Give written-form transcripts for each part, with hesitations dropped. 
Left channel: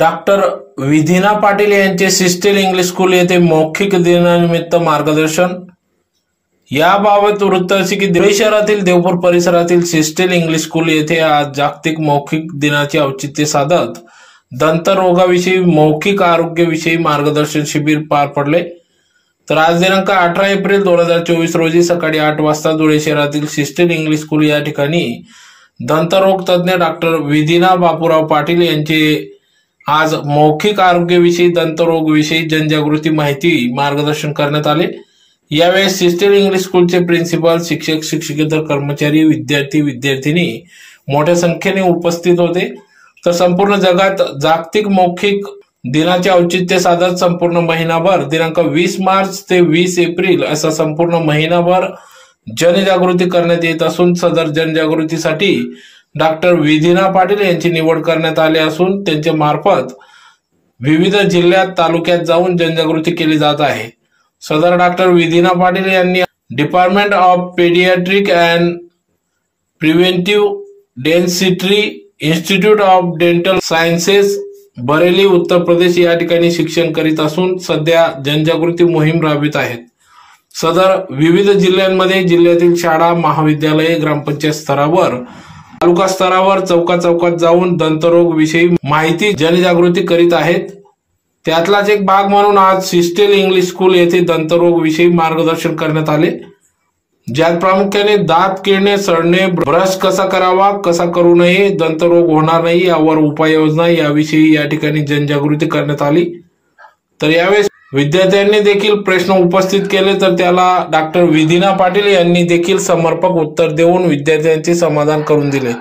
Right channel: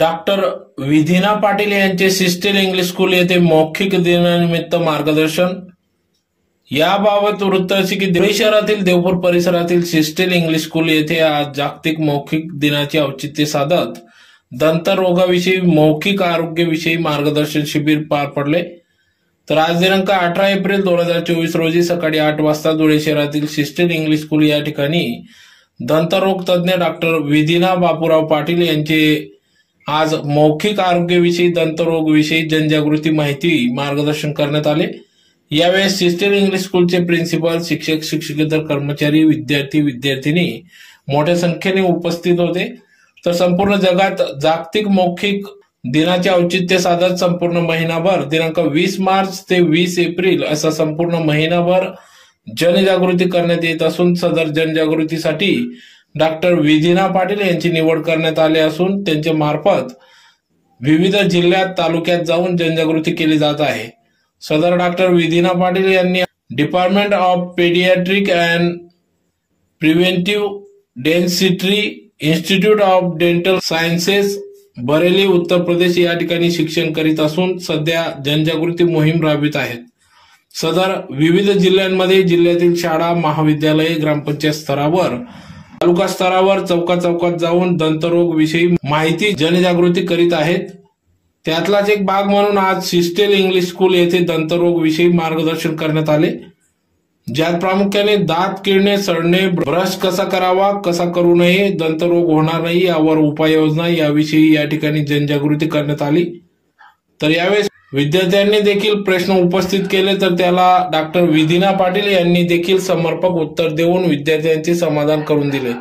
Doctor Vidhina Patil यांचे sister English school येथे मौखिक दिनानिमित्त मार्गदर्शन। याबाबत वृत्त असे की धुळे शहरातील देवपूर परिसरातील सिस्टर इंग्लिश स्कूल येथे आज जागतिक मौखिक दिनाचे औचित्य साधत दंतरोगाविषयी मौखिक आरोग्याविषयी मार्गदर्शन शिबिर पार पडले। तर आज दिनांक 18 एप्रिल 2024 रोजी सकाळी 8 वाजता धुळे शहरातील सिस्टर इंग्लिश स्कूल या ठिकाणी दंतरोग तज्ञ डॉक्टर विधिना बापूराव पाटील यांचे आज मौखिक आरोग्याविषयी दंतरोग विषयी जनजागृती माहिती मार्गदर्शन करण्यात आले। यावेळी सिस्टर इंग्लिश स्कूलचे प्रिन्सिपल, शिक्षक, शिक्षकेतर कर्मचारी, विद्यार्थी, विद्यार्थिनी मोठ्या संख्येने उपस्थित होते। तर संपूर्ण जगात जागतिक मौखिक दिनाचे औचित्य साधत संपूर्ण महिनाभर दिनांक 20 मार्च ते 20 एप्रिल असा संपूर्ण महिनाभर जनजागृती करण्यात येत असून सदर जनजागृतीसाठी डॉक्टर विधिना पाटील यांची निवड करण्यात आली असून त्यांच्या मार्फत विविध जिल्ह्यात, तालुक्यात जाऊन जनजागृती केली जात आहे। सदर डॉक्टर विधिना पाटील यांनी department of paediatric and preventive dentistry, institute of dental sciences, Bareilly, Uttar Pradesh या ठिकाणी शिक्षण करीत असून सध्या जनजागृती मोहीम राबवित आहेत। सदर विविध जिल्ह्यांमध्ये जिल्ह्यातील शाळा, महाविद्यालये, ग्रामपंचायत स्तरावर, तालुका स्तरावर चौकात जाऊन दंतरोग विषयी माहिती जनजागृती करीत आहेत। त्यातलाच एक भाग म्हणून आज सिस्टर इंग्लिश स्कूल येथे दंतरोग विषयी मार्गदर्शन करण्यात आले, ज्यात प्रामुख्याने दात किडणे, सडणे, ब्रश कसा करावा, कसा करू नये, दंतरोग होणार नाही यावर उपाययोजना याविषयी या ठिकाणी जनजागृती करण्यात आली। तर यावेळी विद्यार्थ्यांनी देखील प्रश्न उपस्थित केले, तर त्याला डॉक्टर विधिना पाटील यांनी देखील समर्पक उत्तर देऊन विद्यार्थ्यांचे समाधान करून दिले।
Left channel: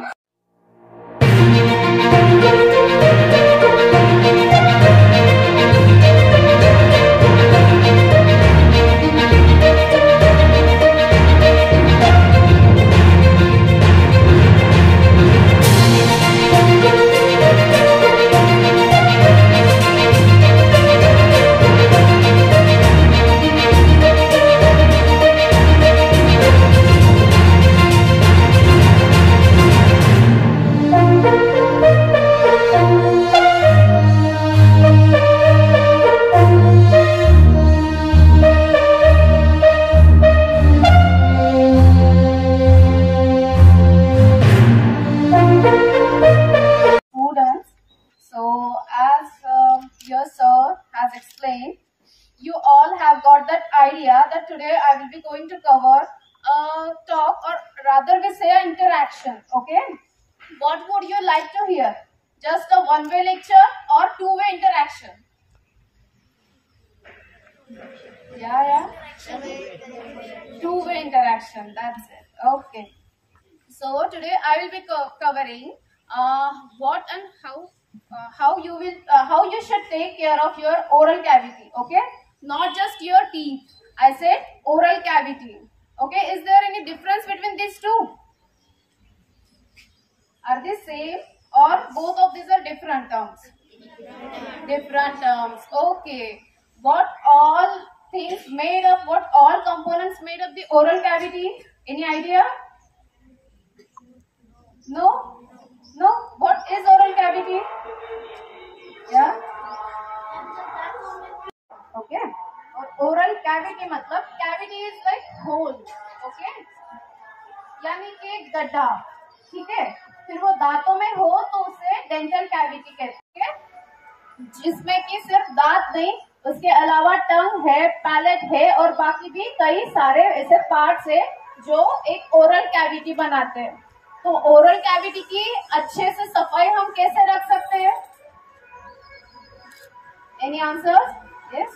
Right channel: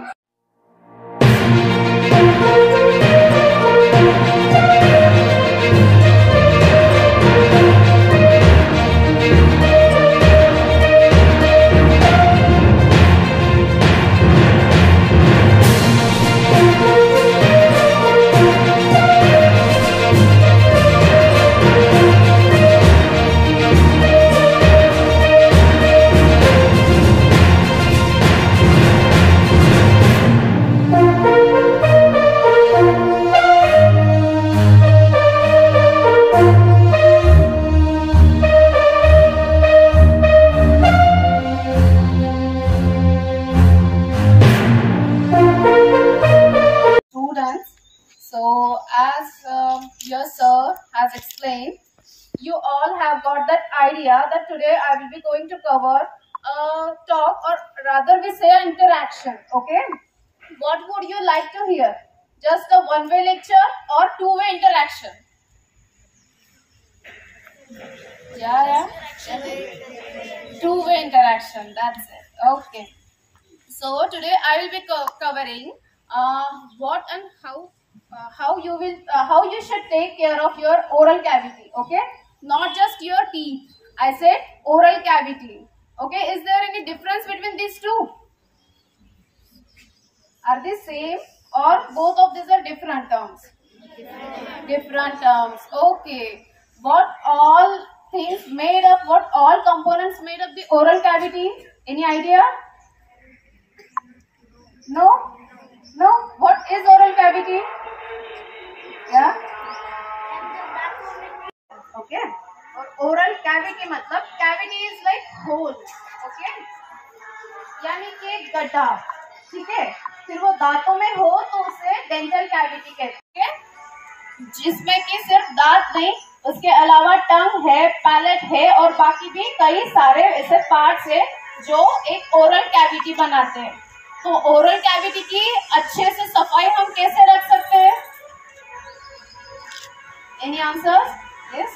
Your sir has explained, you all have got that idea that today I will be going to cover a talk, or rather we say an interaction. Okay, what would you like to hear? Just a one-way lecture or two-way interaction? Yeah, two-way interaction, that's it. Okay, so today I will be covering what and how you should take care of your oral cavity. Okay, not just your teeth, I said oral cavity. Okay, is there any difference between these two? Are they same or both of these are different terms? Different terms. Okay, what all things made up, what all components made up the oral cavity? Any idea? No? What is oral cavity? Yeah. Okay. और oral cavity मतलब cavity is like hole. Okay. यानी कि एक गड्ढा, ठीक है। फिर वो दांतों में हो तो उसे डेंटल कैविटी कहते हैं, जिसमें कि सिर्फ दांत नहीं, उसके अलावा टंग है, पैलेट है और बाकी भी कई सारे ऐसे पार्ट्स है जो एक ओरल कैविटी बनाते हैं। तो ओरल कैविटी की अच्छे से सफाई हम कैसे रख सकते हैं? Any answers? Yes.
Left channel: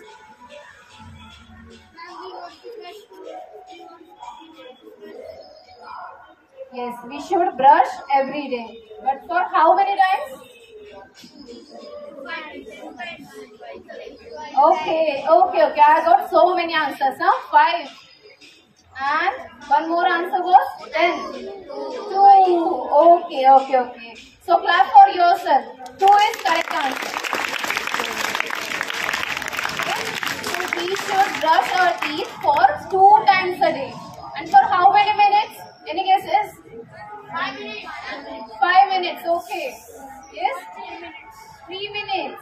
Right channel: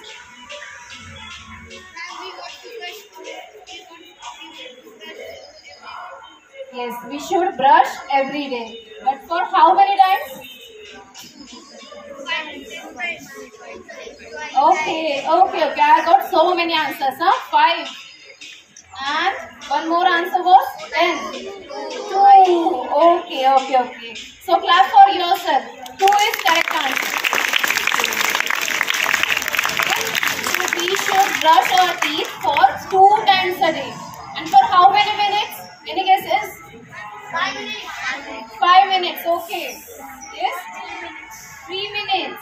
Yes, we should brush every day. But for how many times? Okay. I got so many answers. 5. And one more answer was 10. 2. Okay. So clap for yourself. 2 is correct answer. So we should brush our teeth for 2 times a day. And for how many minutes? Any guesses? 5 minutes. 5 minutes. Okay. Yes. 3 minutes.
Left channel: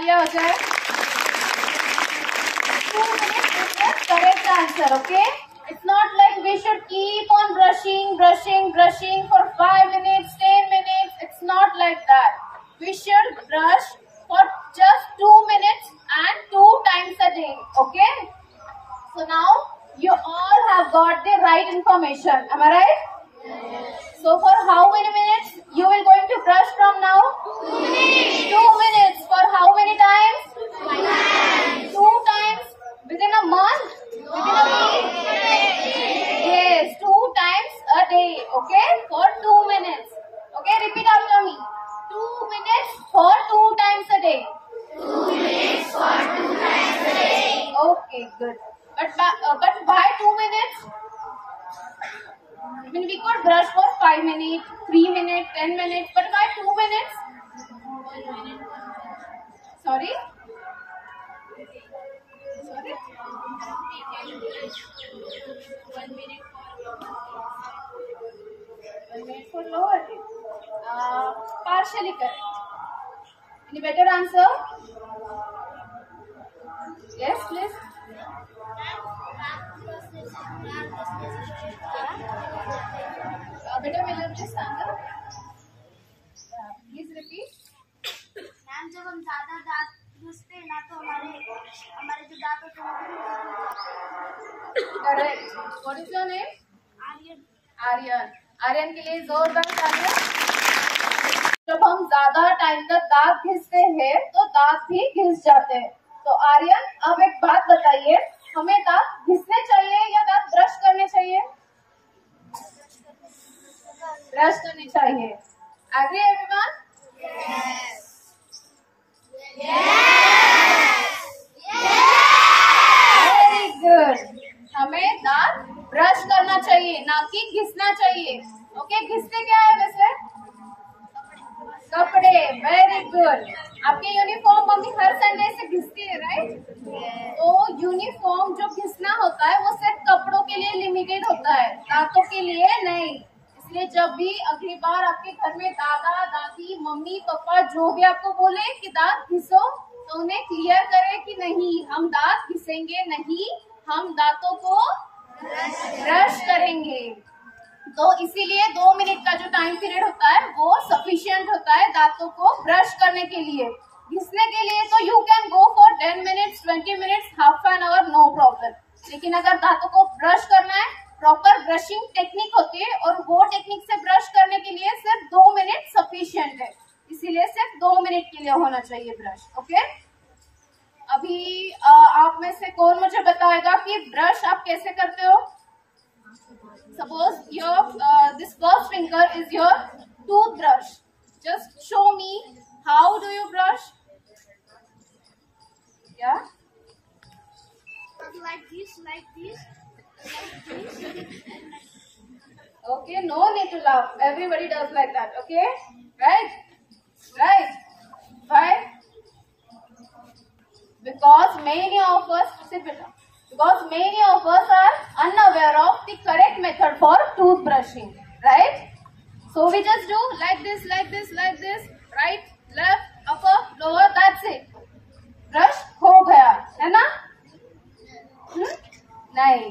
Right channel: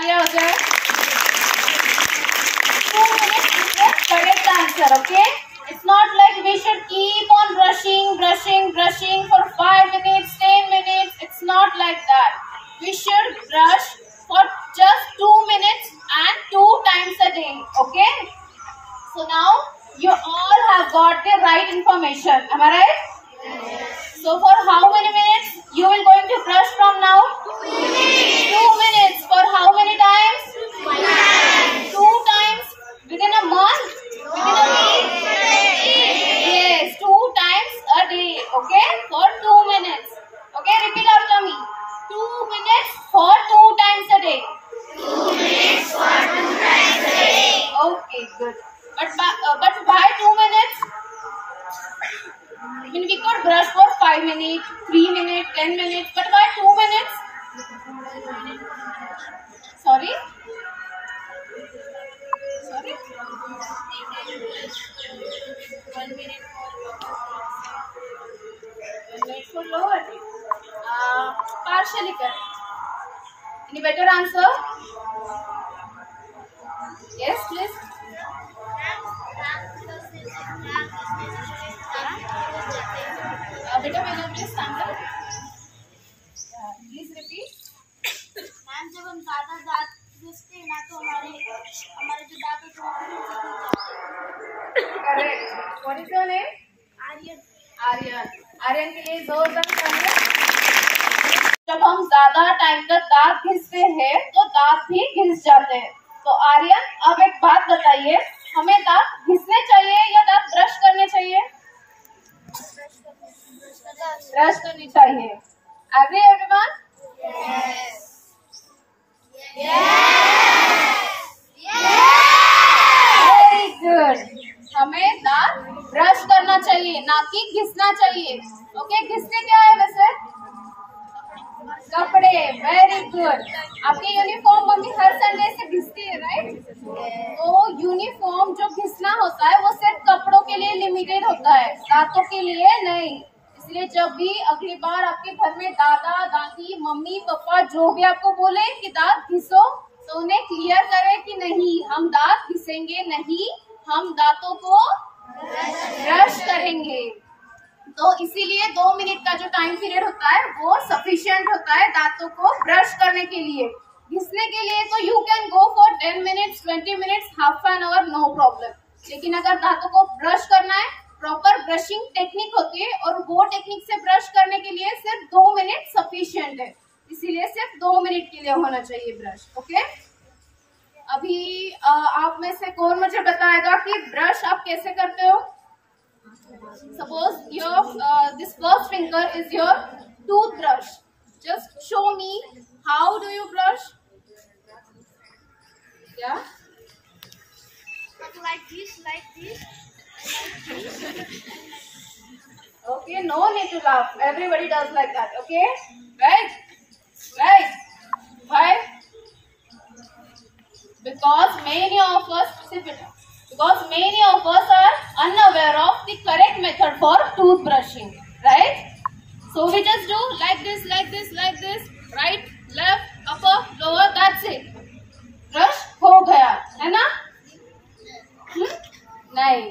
तालियां हो जाए. 2 minutes is the correct answer. Okay. It's not like we should keep on brushing for 5 minutes, 10 minutes. It's not like that. We should brush for just 2 minutes and 2 times a day. Okay. So now you all have got the right information. Am I right? So for how many minutes you will going to brush from now? 2 minutes. 2 minutes. For how many times? 2 times. 2 times within a month? Within a week? Yes, 2 times a day. Okay, for 2 minutes. Okay, repeat after me. 2 minutes for 2 times a day. 2 minutes for 2 times a day. Okay, good. But why 2 minutes? I mean, we could brush for 5 minutes, 3 minutes, 10 minutes, but why 2 minutes? Sorry? Sorry? 1 minute for lower. Partially correct. Any better answer? Yes, please. बेटा मैंने अपने sample please repeat. Ma'am जब हम ज्यादा दांत घिसते हैं ना तो हमारे जो दांत होते हैं. Correct. What is your name? Aryan. Aryan के लिए जोरदार तालियां. जब हम ज्यादा टाइम तक दांत घिसते हैं तो दांत भी घिस जाते हैं. तो आर्यन अब एक बात बताइए, हमें दांत घिसने चाहिए या दांत ब्रश करने चाहिए? ब्रश करनी चाहिए. Agree everyone? Very good. हमें दांत ब्रश करना चाहिए, ना कि घिसना चाहिए. ओके, घिसने क्या है वैसे? कपड़े. Very good. आपके यूनिफॉर्म मम्मी हर संडे से घिसती है, राइट? तो यूनिफॉर्म जो घिसना होता है वो सिर्फ कपड़ों के लिए लिमिटेड होता है, दांतों के लिए नहीं. इसलिए जब भी अगली बार आपके घर में दादा दादी मम्मी पापा जो भी आपको बोले कि दांत घिसो, तो उन्हें क्लियर करें कि नहीं, हम दांत घिसेंगे नहीं, हम दांतों को ब्रश करेंगे. तो इसीलिए 2 मिनट का जो टाइम पीरियड होता है वो सफिशिएंट होता है दांतों को ब्रश करने के लिए. घिसने के लिए तो you can go for 10 minutes, 20 minutes, half an hour, no problem. लेकिन अगर दांतों को ब्रश करना है, प्रॉपर ब्रशिंग टेक्निक होती है और वो टेक्निक से ब्रश करने के लिए सिर्फ 2 मिनट सफिशिएंट है. इसीलिए सिर्फ 2 मिनट के लिए होना चाहिए ब्रश. ओके. अभी आप में से कौन मुझे बताएगा कि ब्रश आप कैसे करते हो? Suppose your this first finger is your toothbrush. Just show me how do you brush? Yeah. Like this. Okay, no need to laugh. Everybody does like that. Okay, right. Why? Because many of us sit it up. Because many of us are unaware of the correct method for toothbrushing, right? So we just do like this, right, left, upper, lower, that's it. Brush हो गया, है ना? नहीं.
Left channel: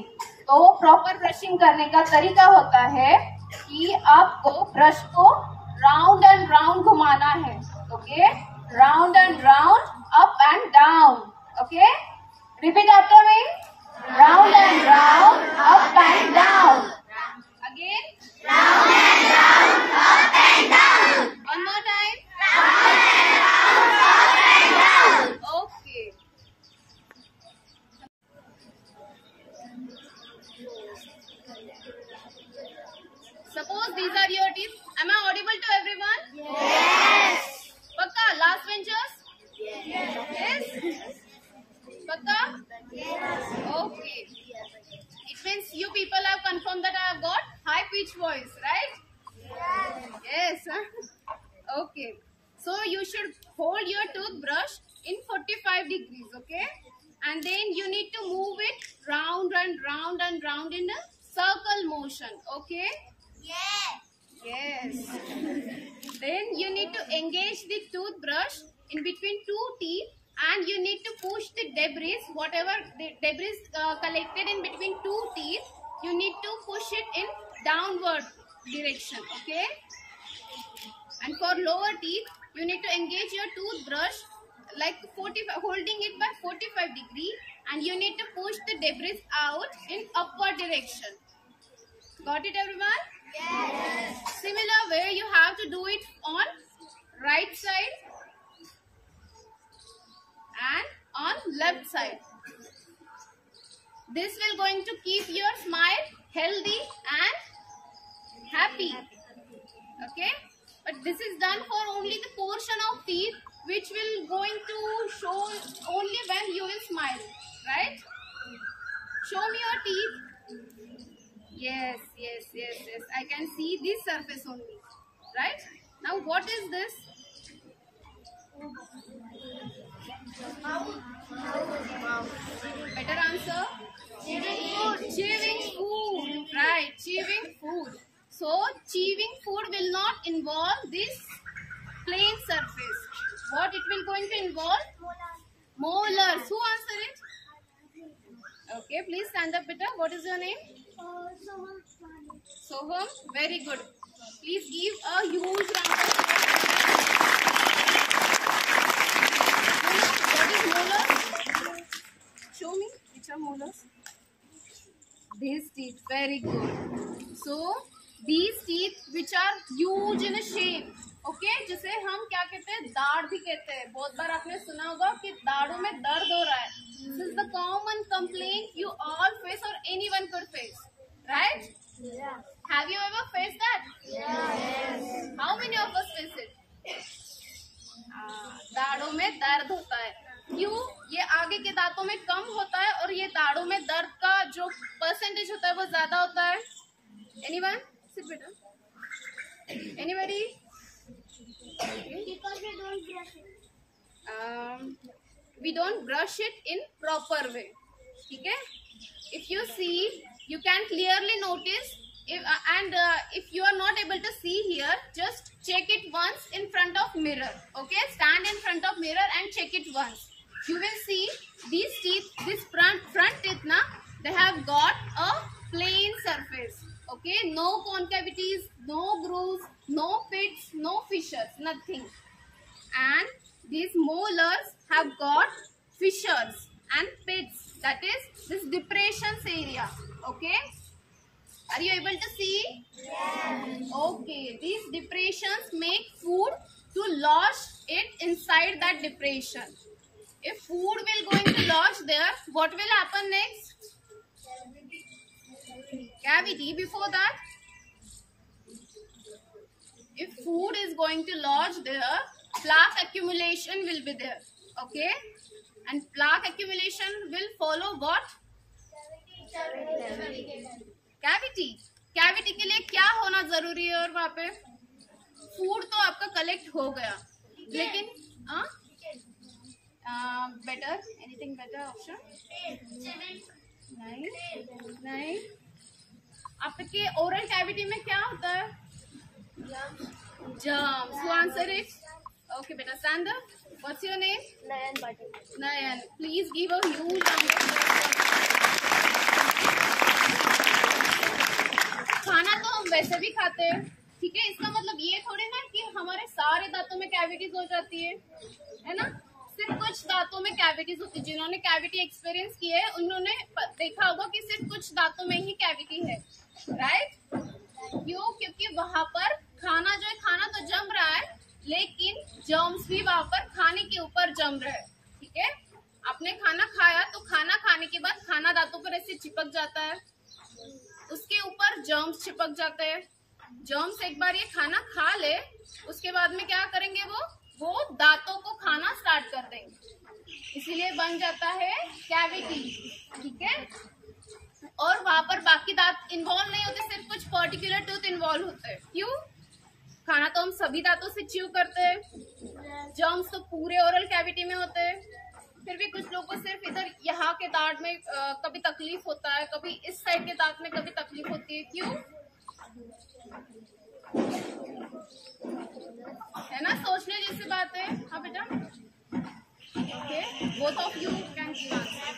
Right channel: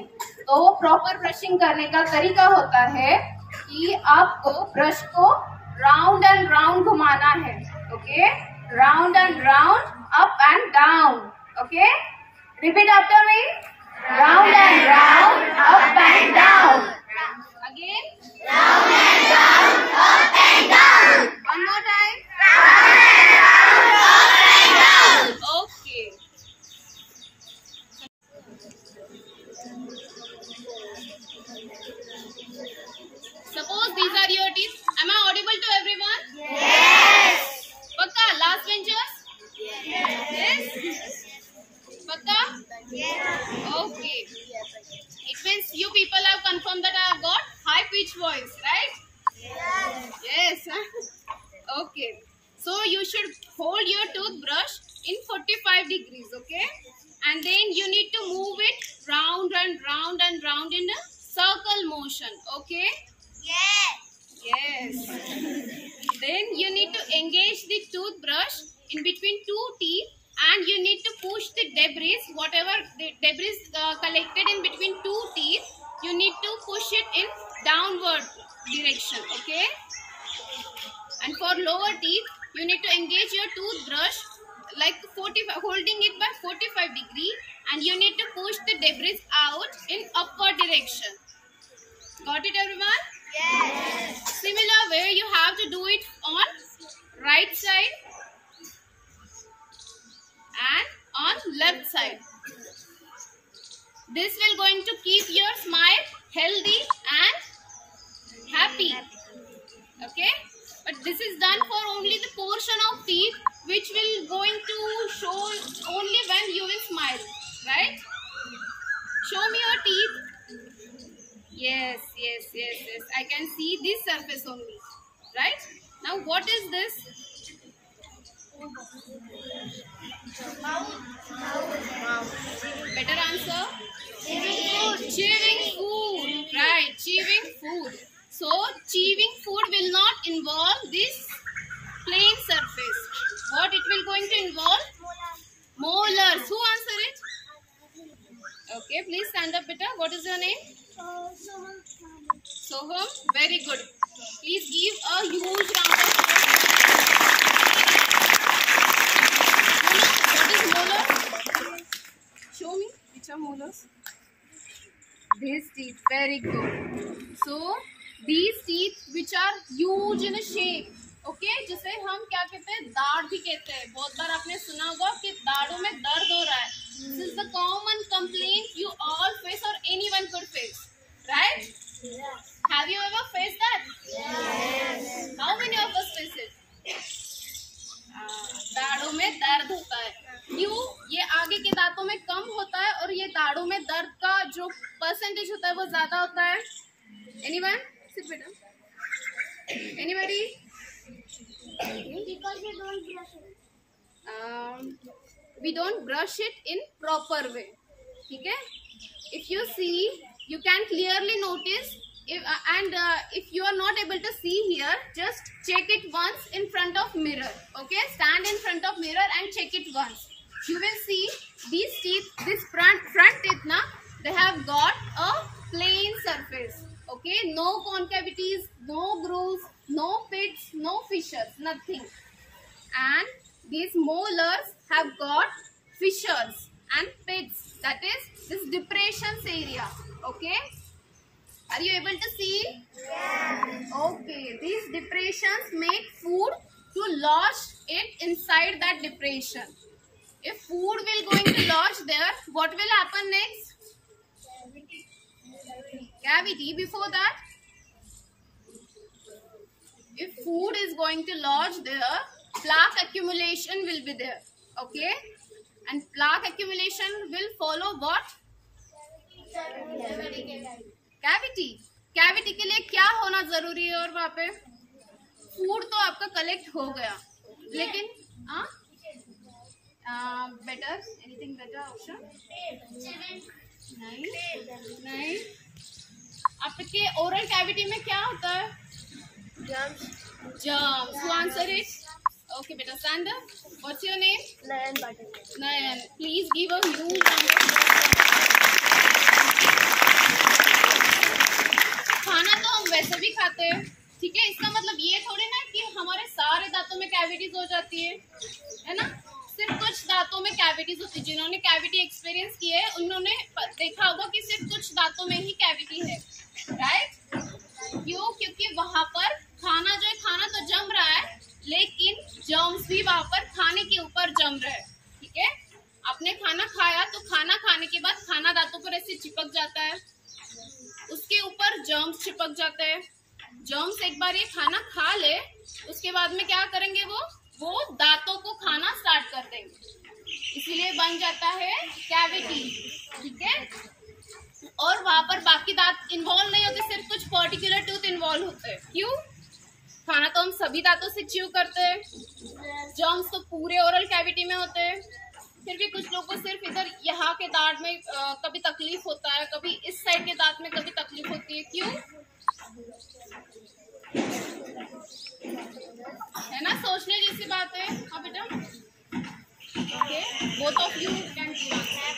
तो proper brushing करने का तरीका होता है कि आपको ब्रश को राउंड एंड राउंड घुमाना है. Okay, round and round, up and down. Okay, repeat after me. Round and round, up and down. Again. Round and round, up and down. One more time. Round and round, up and down. Okay. Suppose these are your teeth. Am I audible to everyone? Yes. Pakka, last benchers? Yes. Pakka? Yes. Okay. It means you people have confirmed that I have got high pitch voice, right? Yes. Okay. So you should hold your toothbrush in 45 degrees, okay? And then you need to move it round and round and round in a circle motion, okay? Yes. Then you need to engage the toothbrush in between two teeth and you need to push the debris, whatever the debris collected in between two teeth, you need to push it in downward direction, okay? And for lower teeth, you need to engage your toothbrush like 45, holding it by 45 degree, and you need to push the debris out in upward direction. Got it, everyone? Yes. Similar way, you have to do it on right side and on left side. This will going to keep your smile healthy and happy. Okay? But this is done for only the portion of teeth which will going to show only when you will smile. Right? Show me your teeth. Yes. I can see this surface only. Right? Now what is this? Better answer? Chewing food. Right, chewing food. So, chewing food will not involve this plain surface. What it will going to involve? Molars. Who answer it? Okay, please stand up, beta. What is your name? Soham. Very good. Please give a huge round of applause. What is molar? Show me. Which are molars? These teeth. Very good. So, these teeth which are huge in a shape. Okay, जिसे हम क्या कहते हैं, दाढ़ भी कहते हैं. बहुत बार आपने सुना होगा कि दाढ़ों में दर्द हो रहा है. This is the common complaint you all face or anyone could face, right? Yeah. Have you ever faced that? Yes. How many of us face it? दाढ़ों में दर्द होता है. क्यों? ये आगे के दांतों में कम होता है और ये दाढ़ों में दर्द का जो परसेंटेज होता है वो ज्यादा होता है. Anyone? Sit बेटा. Anybody? Because we don't brush it. We don't brush it in proper way. ठीक है? If you see, you can clearly notice. If you are not able to see here, just check it once in front of mirror. Okay? Stand in front of mirror and check it once. You will see these teeth, this front teeth, na, they have got a plain surface. Okay? No concavities, no grooves, no pits, no fissures, nothing. And these molars have got fissures and pits. That is this depressions area. Okay? Are you able to see? Yes. Okay. These depressions make food to lodge it inside that depression. If food will going to lodge there, what will happen next? Cavity. Before that, if food is going to lodge there, plaque accumulation will be there. Okay? And plaque accumulation will follow what? Cavity. Cavity के लिए क्या होना जरूरी है? और वहाँ पे food तो आपका कलेक्ट हो गया, लेकिन बेटर एनीथिंग बेटर ऑप्शन नहीं. आपके ओरल कैविटी में क्या होता है? Germs. Who answer it? Okay, beta, stand up. What's your name? Nayan. Please give a huge round of applause. खाना तो हम वैसे भी खाते हैं, ठीक है? इसका मतलब ये थोड़ी ना कि हमारे सारे दांतों में कैविटीज हो जाती है ना? सिर्फ कुछ दांतों में कैविटीज होती है. जिन्होंने कैविटी एक्सपीरियंस की है उन्होंने देखा होगा कि सिर्फ कुछ दांतों में ही कैविटी है, राइट? क्यों? क्योंकि वहां पर खाना जो है, खाना तो जम रहा है, लेकिन जर्म्स भी वहां पर खाने के ऊपर जम रहे हैं. ठीक है? आपने खाना खाया तो खाना खाने के बाद खाना दांतों पर ऐसे चिपक जाता है, उसके ऊपर जर्म्स चिपक जाते हैं. जर्म्स एक बार ये खाना खा ले, उसके बाद में क्या करेंगे, वो दांतों को खाना स्टार्ट कर देंगे, इसीलिए बन जाता है कैविटी. ठीक है? और वहां पर बाकी दांत इन्वॉल्व नहीं होते, सिर्फ कुछ पर्टिकुलर टूथ इन्वॉल्व होते हैं. क्यों? खाना तो हम सभी दांतों से च्यू करते हैं, जर्म्स तो पूरे ओरल कैविटी में होते हैं. फिर भी कुछ लोगों को सिर्फ इधर यहाँ के दांत में कभी तकलीफ होता है, कभी इस साइड के दांत में कभी तकलीफ होती है. क्यों? है ना? सोचने जैसी बात है. हाँ बेटा, Okay, both of you can give answer.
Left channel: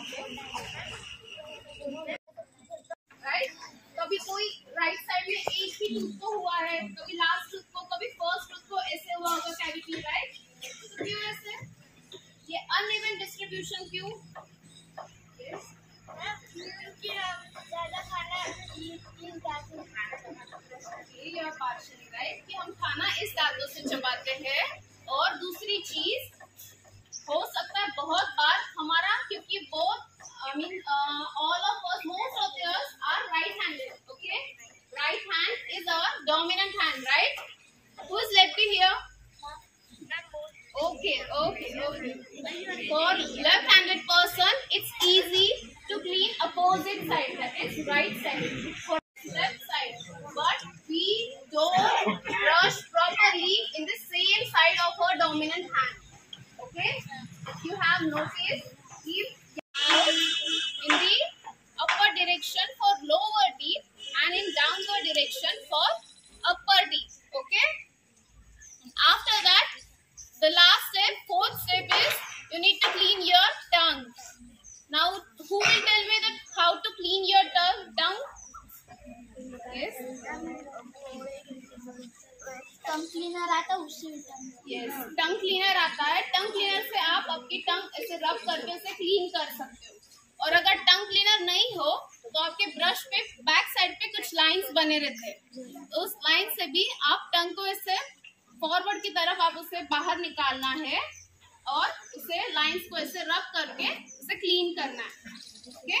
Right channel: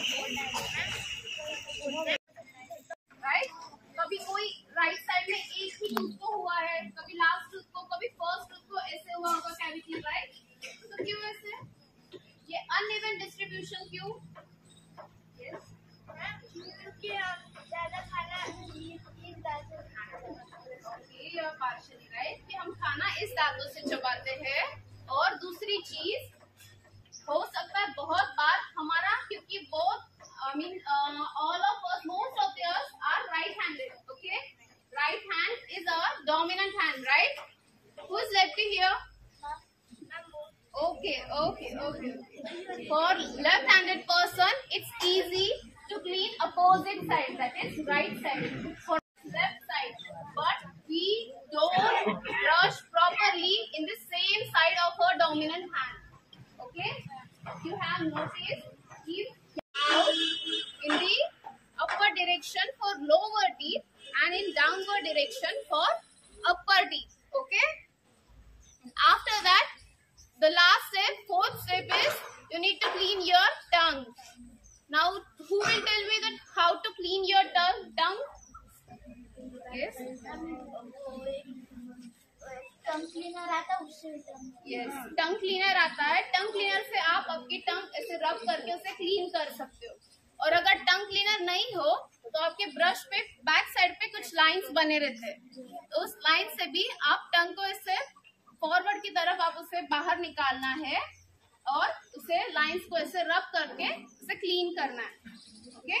Okay. Right? कभी कोई राइट साइड में एक ही टूथ को हुआ है, कभी लास्ट टूथ को, कभी फर्स्ट टूथ को, ऐसे हुआ होगा कैविटी, राइट? तो क्यों ऐसे? ये अनइवन डिस्ट्रीब्यूशन क्यों? यस, क्योंकि हम ज़्यादा खाना इन दांतों से खाते हैं। Okay, you are partially right कि हम खाना इस दांतों से चबाते हैं। और दूसरी चीज हो सकता है बहुत बार हमारा, क्योंकि बहुत all of us, most of us are right-handed. Okay, right hand is our dominant hand, right? Who is lefty here? Okay. For left-handed person, it's easy to clean opposite side, that is right side. For left side, but we don't brush properly in the same side of our dominant hand. Okay, you have noticed, keep out in the upper direction for lower teeth and in downward direction for upper teeth. Okay, after that, the last step, fourth step is you need to clean your tongue. Now, who will tell me that how to clean your tongue? Yes. Tongue cleaner आता है, उससे भी yes, tongue cleaner आता है। Tongue cleaner से आप आपकी टंग ऐसे रब करके उसे क्लीन कर सकते हो। और अगर टंग क्लीनर नहीं हो तो आपके ब्रश पे बैक साइड पे कुछ लाइंस बने रहते हैं, तो उस लाइन से भी आप टंग को ऐसे फॉरवर्ड की तरफ आप उसे बाहर निकालना है और उसे लाइंस को ऐसे रब करके उसे क्लीन करना है। ओके,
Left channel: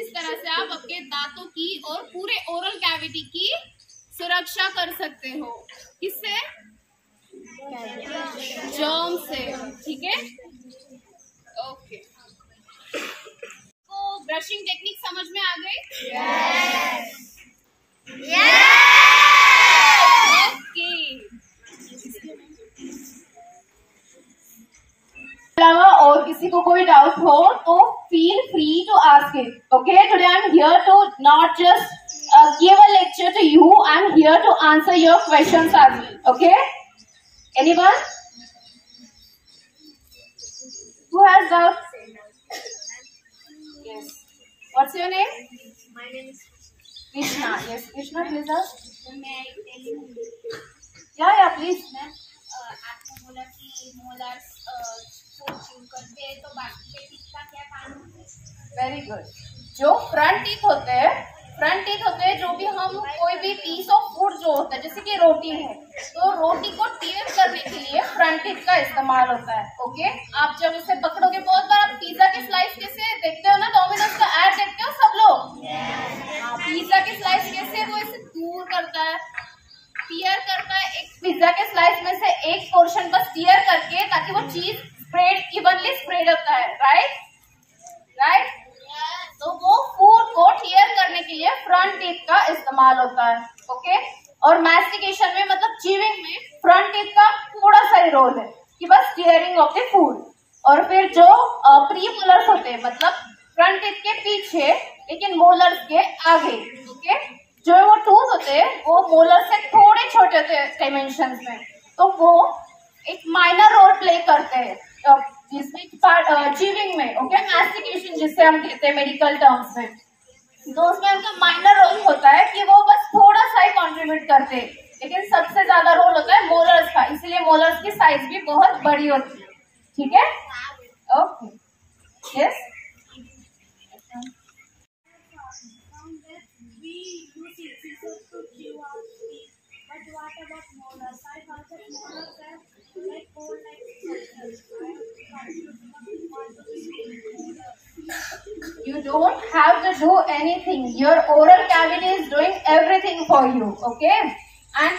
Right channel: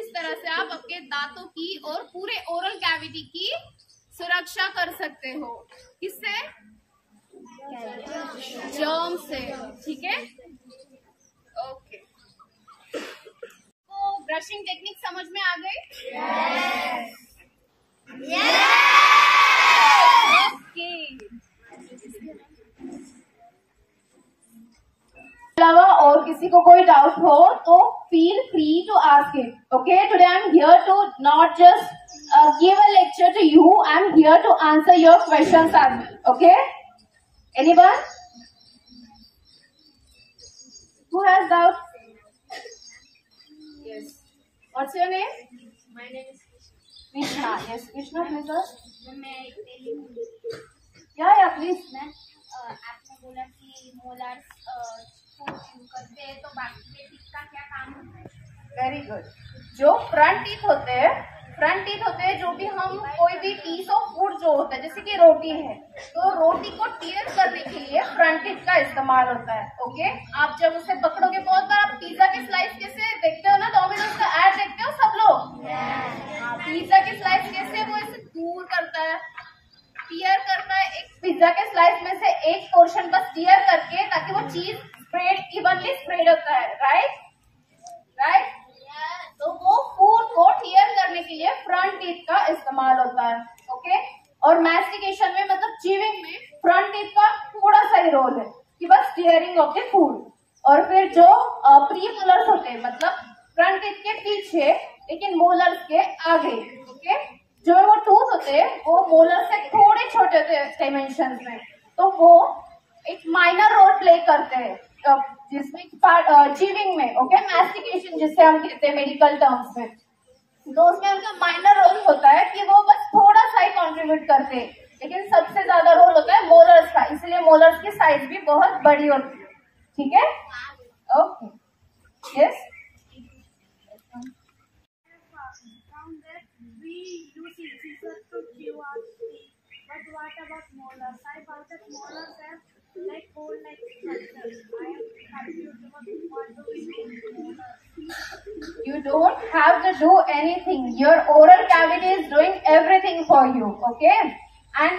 इस तरह से आप आपके दांतों की और पूरे ओरल कैविटी की सुरक्षा कर सकते हो। किससे? जर्म से। ठीक है, ओके। तो ब्रशिंग टेक्निक समझ में आ गई? ओके। अलावा और किसी को कोई डाउट हो तो feel free to ask it. Okay, today I am here to not just give a lecture to you, I am here to answer your questions as well. Okay, anyone who has doubt? Yes, what's your name? My name is Krishna. Yes, Krishna, please ask. मैं telling Yeah, please. आपने बोला कि molars को chew करते हैं, तो बाकी के टीथ का क्या काम होता है? Very good. जो फ्रंट टीथ होते हैं, जो भी हम कोई भी पीस ऑफ फूड जो होता है, जैसे कि रोटी है, तो रोटी को टीयर करने के लिए फ्रंट टीथ का इस्तेमाल होता है। ओके, आप जब उसे पकड़ोगे, बहुत बार आप पिज्जा के स्लाइस कैसे देखते हो ना, डोमिनोज का ऐड देखते हो सब लोग। पिज्जा के स्लाइस कैसे वो इसे दूर करता है, टीयर करता है, एक पिज्जा के स्लाइस में से एक पोर्शन बस टीयर करके, ताकि वो चीज स्प्रेड इवनली स्प्रेड होता है। राइट, तो वो फूड को टीयर करने के लिए फ्रंट टीथ का इस्तेमाल होता है। ओके, और मैस्टिकेशन में, मतलब च्यूइंग में, फ्रंट टीथ का थोड़ा सा ही रोल है कि बस टीयरिंग ऑफ द फूड। और फिर जो प्री मोलर्स होते हैं, मतलब फ्रंट टीथ के पीछे लेकिन मोलर्स के आगे, ओके, जो वो टूथ होते हैं वो मोलर्स से थोड़े छोटे होते हैं डायमेंशंस में, तो वो एक माइनर रोल प्ले करते हैं जिसमें च्यूइंग में। ओके, मैस्टिकेशन जिससे हम कहते हैं मेडिकल टर्म्स में, तो उसमें उनका माइनर रोल होता है कि वो बस थोड़ा सा ही कंट्रीब्यूट करते हैं, लेकिन सबसे ज्यादा रोल होता है मोलर्स का, इसलिए मोलर्स की साइज भी बहुत बड़ी होती है। ठीक है, okay, yes. But what about molars? I found that molars have like hole-like structures. I am confused about what do we do with molars. You don't have to do anything. Your oral cavity is doing everything for you. Okay, and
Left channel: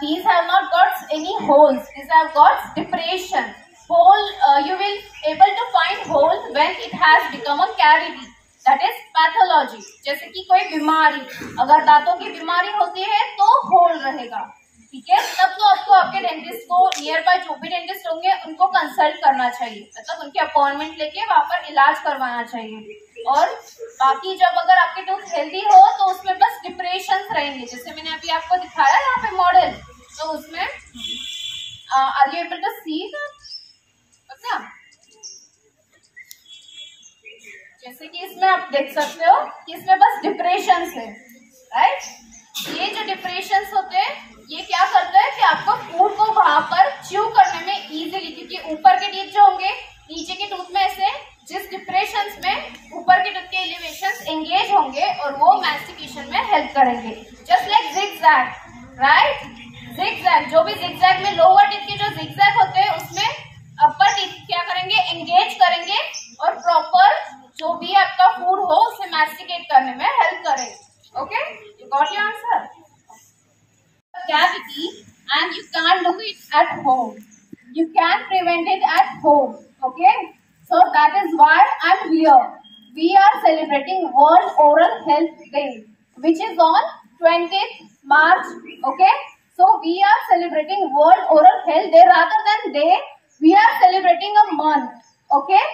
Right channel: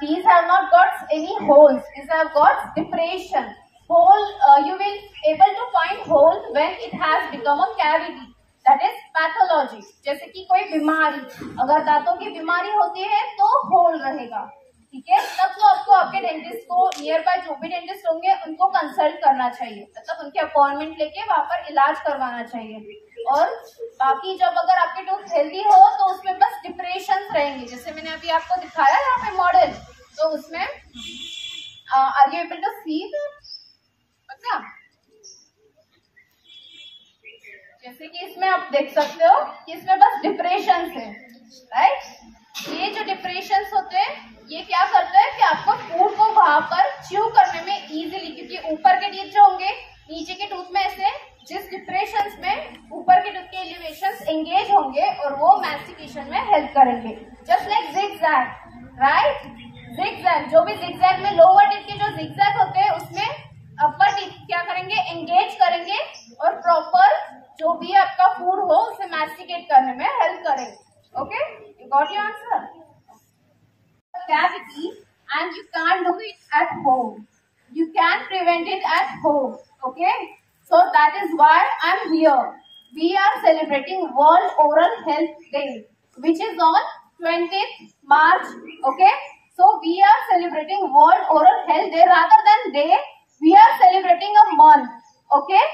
these have not got any holes. These have got depression. Hole. You will able to find holes when it has become a cavity. That is pathology. जैसे कि कोई बीमारी, अगर दांतों की बीमारी होती है तो होल रहेगा। ठीक है, तब तो आपको आपके डेंटिस्ट को, नियर बाय जो भी डेंटिस्ट होंगे उनको कंसल्ट करना चाहिए, मतलब उनके अपॉइंटमेंट लेके वहां पर इलाज करवाना चाहिए। और बाकी जब अगर आपके टूथ हेल्दी हो तो उसमें बस डिप्रेशन रहेंगे, जैसे मैंने अभी आपको दिखाया यहाँ पे मॉडल, तो उसमें are you able to see that? जैसे कि इसमें आप देख सकते हो कि इसमें बस डिप्रेशंस है, राइट। ये जो डिप्रेशंस होते हैं ये क्या करता है कि आपको फूड को वहां पर च्यू करने में इजीली, क्योंकि ऊपर के टीथ जो होंगे नीचे के टूथ में ऐसे जिस डिप्रेशंस में ऊपर के टूथ के एलिवेशंस एंगेज होंगे और वो मैस्टिकेशन में हेल्प करेंगे, just like zigzag, right. Zigzag, जो भी जिगजैग में लोअर टीथ के जो जिगजैग होते हैं उसमें अपर टीथ क्या करेंगे, एंगेज करेंगे और प्रॉपर जो भी आपका फूड हो उसे मैस्टिकेट करने में हेल्प करेंगे। Okay, you got your answer. Cavity and you can't do it at home. You can prevent it at home. Okay, so that is why I'm here. We are celebrating World Oral Health Day, which is on 20th March. Okay, so we are celebrating World Oral Health Day. Rather than day, we are celebrating a month. Okay,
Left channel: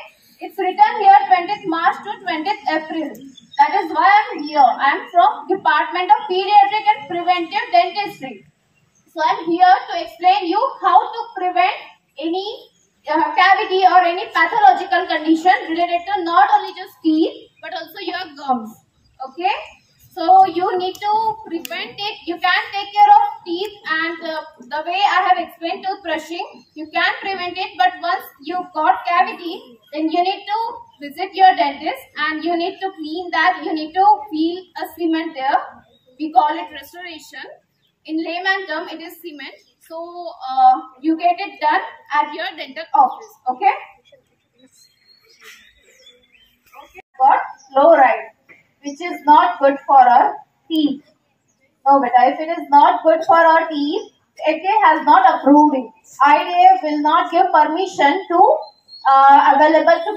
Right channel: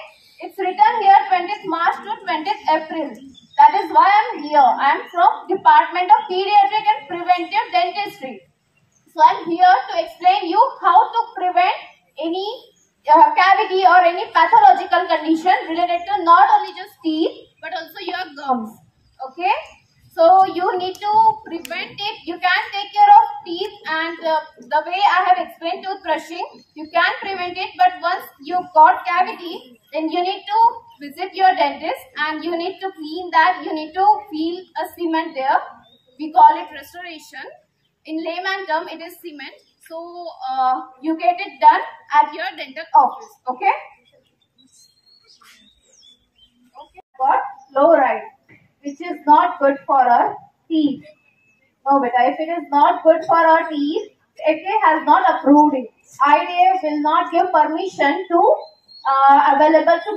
it's written here 20th March to 20th April. That is why I'm here. I'm from Department of Pediatric and Preventive Dentistry. So I'm here to explain you how to prevent any cavity or any pathological condition related to not only just teeth but also your gums. Okay, so you need to prevent it. You can take care of teeth and the way I have explained toothbrushing, you can prevent it. But once you got cavity, then you need to visit your dentist and you need to clean that. You need to feel a cement there. We call it restoration. In layman term, it is cement. So you get it done at your dental office. Okay. Okay. Got fluoride, which is not good for our teeth. No, but if it is not good for our teeth, FDA has not approved it. IDA will not give permission to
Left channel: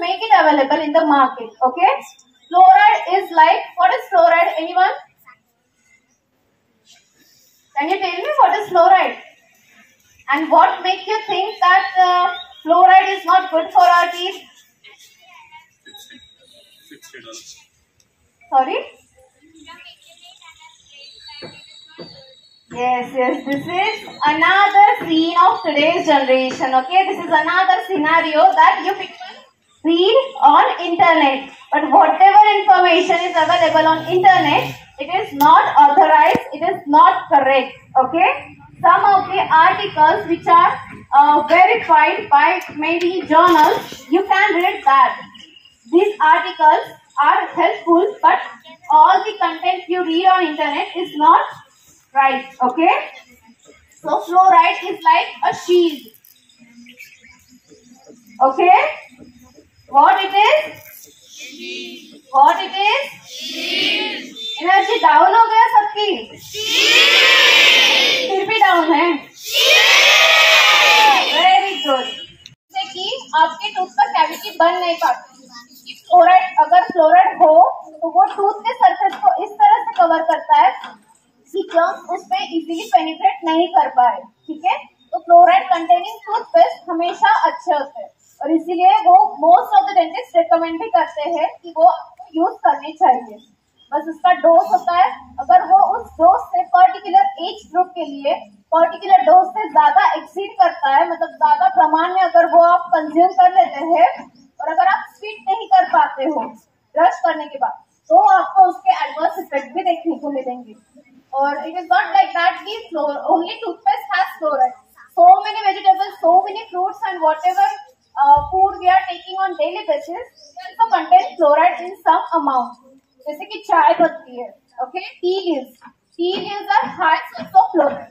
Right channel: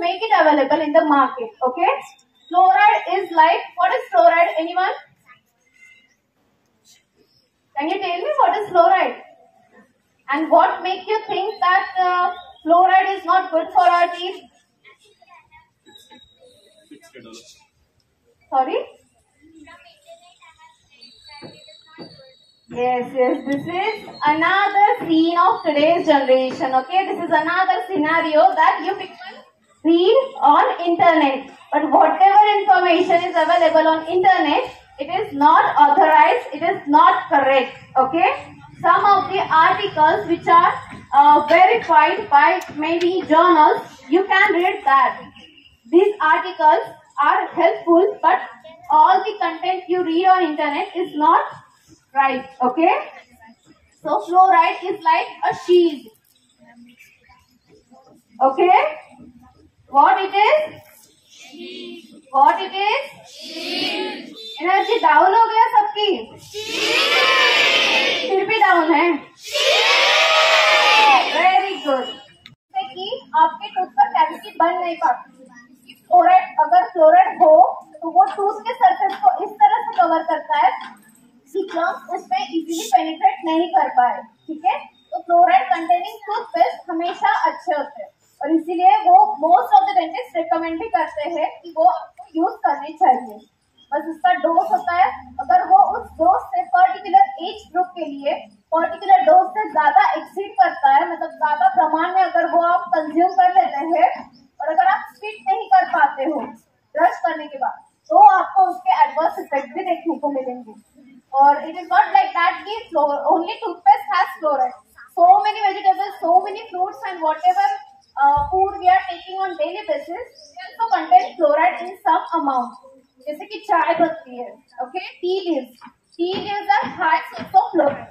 make it available in the market. Okay. Fluoride is like, what is fluoride? Anyone? Can you tell me what is fluoride? And what makes you think that fluoride is not good for our teeth? Sorry? Yes, this is another scene of today's generation. Okay, this is another scenario that you people read on internet. But whatever information is available on internet, it is not authorized, it is not correct. Okay, some of the articles which are verified by many journals, you can read that. These articles are helpful, but all the content you read on internet is not right. Okay, so fluoride is like a shield. Okay, what it is? What it is? Energy down हो गया सबकी? फिर भी down है? Very good. जैसे कि आपके tooth पर कैविटी बन नहीं पाती, फ्लोराइड, अगर फ्लोराइड हो तो वो टूथ के सरफेस को इस तरह से कवर करता है कि जर्म्स उसमें इजीली पेनिट्रेट नहीं कर पाए। ठीक है, तो फ्लोराइड कंटेनिंग टूथपेस्ट हमेशा अच्छे होते हैं और इसीलिए वो most of the dentist recommend भी करते हैं कि वो आपको यूज करनी चाहिए। बस उसका डोज होता है, अगर वो उस डोज से पर्टिकुलर एज ग्रुप के लिए पर्टिकुलर डोज से ज्यादा एक्सीड करता है, मतलब ज्यादा प्रमाण में अगर वो आप कंज्यूम कर लेते हैं और अगर आप स्वीट नहीं कर पाते हो ब्रश करने के बाद, तो आपको उसके एडवर्स इफेक्ट भी देखने को मिलेंगे। और it is not like that कि only toothpaste has fluoride. So many vegetables, so many fruits and whatever food we are taking on daily basis, they also contain fluoride in some amount. जैसे कि चाय पत्ती है, okay, tea leaves are high source of fluoride.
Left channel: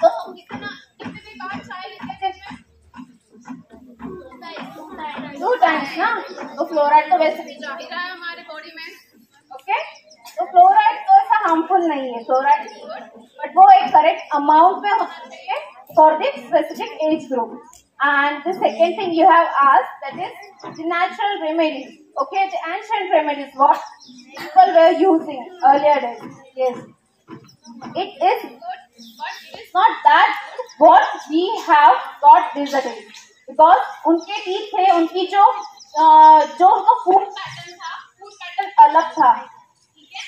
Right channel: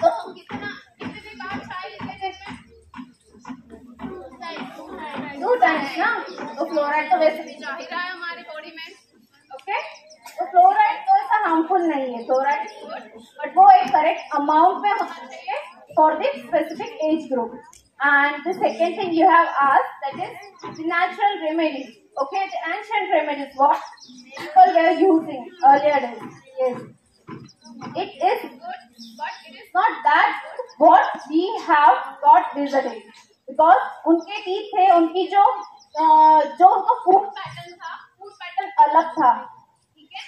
तो हम कितनी भी बार चाय लेते हैं दिन में? 2 टाइम्स ना. तो फ्लोराइड तो वैसे भी जा ही रहा है हमारे बॉडी में. ओके, तो फ्लोराइड तो ऐसा हार्मफुल नहीं है, फ्लोराइड इज गुड, बट वो एक करेक्ट अमाउंट में होना चाहिए for the specific age group. And the second thing you have asked, that is the natural remedies. Okay, the ancient remedies, what people were using earlier days. Yes, it is good, but it is not that good what we have got these days. Because उनके teeth थे, उनकी जो उनका food pattern अलग था. ठीक है,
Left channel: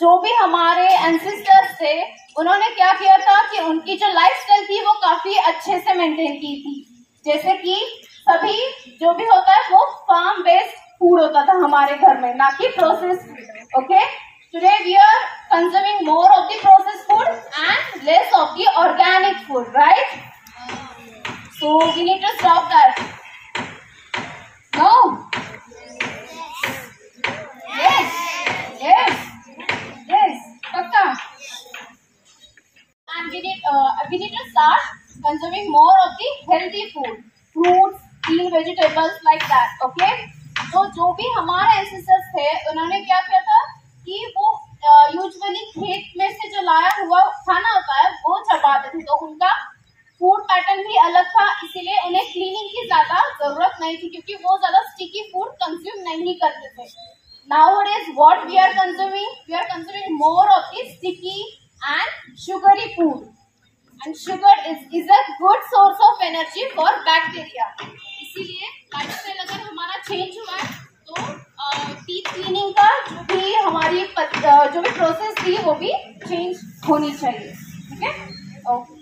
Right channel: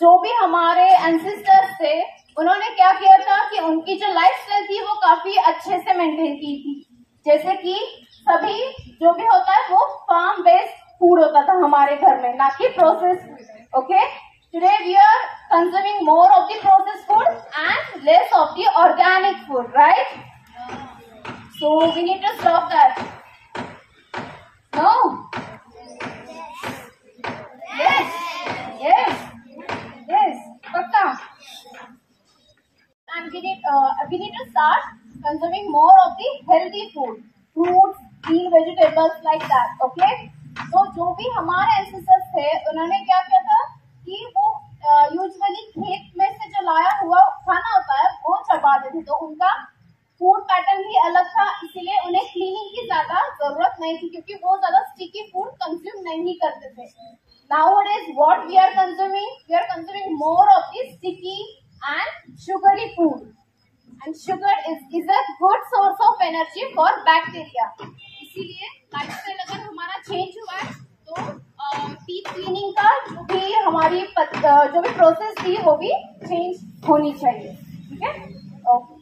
जो भी हमारे एंसेस्टर्स थे, उन्होंने क्या किया था कि उनकी जो लाइफस्टाइल थी वो काफी अच्छे से मेंटेन की थी. जैसे कि सभी जो भी होता है वो फार्म बेस्ड फूड होता था हमारे घर में, ना कि process food. Okay, today we are consuming more of the process food and less of the organic food, right? So we need to stop that. No? Yes yes yes, पक्का। And we need to start consuming more of the healthy food, fruits, green vegetables like that. Okay? तो जो भी हमारे ancestors थे उन्होंने क्या किया था कि वो यूजुअली खेत में से जो लाया हुआ खाना होता है वो चबाते थे, तो उनका फूड पैटर्न भी अलग था, इसीलिए उन्हें क्लीनिंग की ज्यादा जरूरत नहीं थी क्योंकि वो ज्यादा स्टिकी फूड कंज्यूम नहीं करते थे। Nowadays what we are consuming more of the sticky and sugary food, and sugar is a good source of energy for bacteria। इसीलिए लाइफस्टाइल अगर हमारा चेंज हुआ है तो टीथ क्लीनिंग का जो भी हमारी जो भी प्रोसेस थी वो भी चेंज होनी चाहिए। ठीक है, ओके।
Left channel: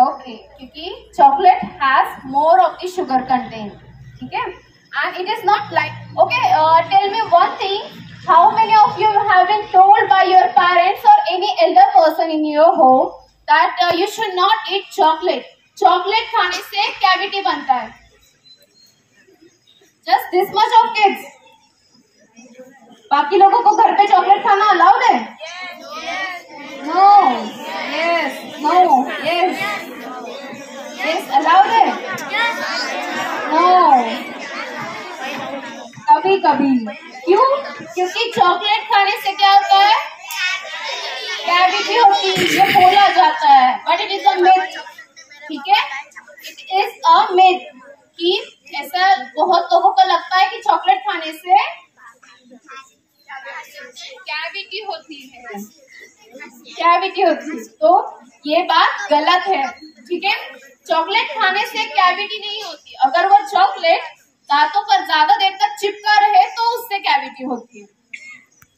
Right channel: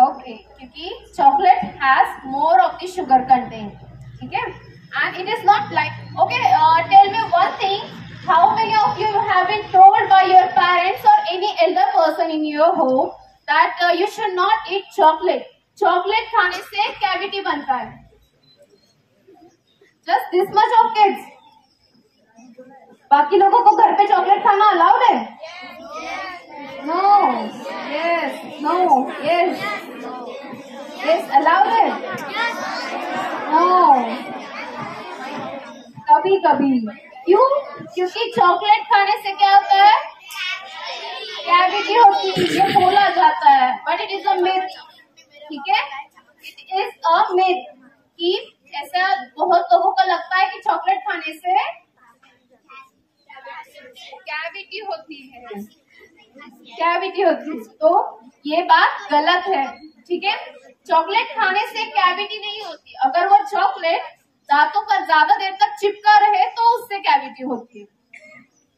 ओके, क्योंकि chocolate has more of the sugar content. ठीक है, and it is not like okay, tell me one thing, how many of you have been told by your parents or any elder person in your home that you should not eat chocolate? chocolate खाने से cavity बनता है। just this much of kids। बाकी लोगों को घर पे chocolate खाना अलाउड है? No, yes, no, yes, yes allowed है? नो, कभी कभी। क्यों? क्योंकि चॉकलेट खाने से क्या होता है? कैविटी होती है, ये बोला जाता है, but it is a myth. ठीक है, इट इज अ मिथ कि ऐसा बहुत लोगों को लगता है कि चॉकलेट खाने से कैविटी होती है, कैविटी होती है, तो ये बात गलत है। ठीक है, चॉकलेट खाने से कैविटी नहीं होती, अगर वो चॉकलेट दांतों पर ज्यादा देर तक चिपका रहे तो उससे कैविटी होती है।